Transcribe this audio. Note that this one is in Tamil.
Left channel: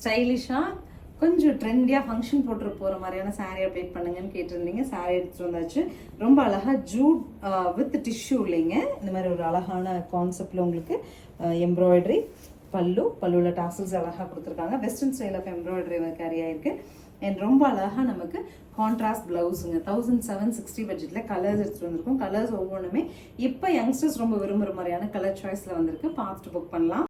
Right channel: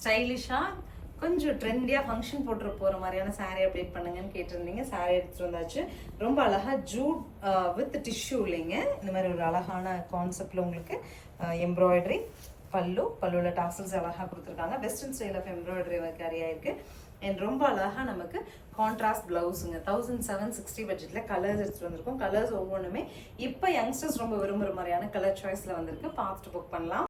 ஸ்டைலிஷாக கொஞ்சம் ட்ரெண்டியாக ஃபங்க்ஷன் போட்டு போகிற மாதிரியான சாரீ அப்டேட் பண்ணுங்கன்னு கேட்டிருந்தீங்க. சாரீ எடுத்துகிட்டு வந்தாச்சு. ரொம்ப அழகாக ஜூட் வித் டிஷ்யூ இல்லைங்க. இந்த மாதிரி ஒரு அழகான கான்செப்டில் உங்களுக்கு எம்ப்ராய்டரி பல்லுவில் டாசல்ஸ் அழகாக கொடுத்துருக்காங்க. Western style of embroidery carry ஆயிருக்கு. அண்ட் ரொம்ப அழகாக நமக்கு கான்ட்ராஸ்ட் பிளவுஸுங்க. 1760 பட்ஜெட்டில் கலர்ஸ் எடுத்துகிட்டு வந்திருக்கோம். கலர்ஸ் ஒவ்வொன்றுமே இப்போ யங்ஸ்டர்ஸ் ரொம்ப விரும்புகிற மாதிரியான கலர் சாய்ஸில் வந்திருக்கு. பார்த்துட்டு புக் பண்ணலாம்.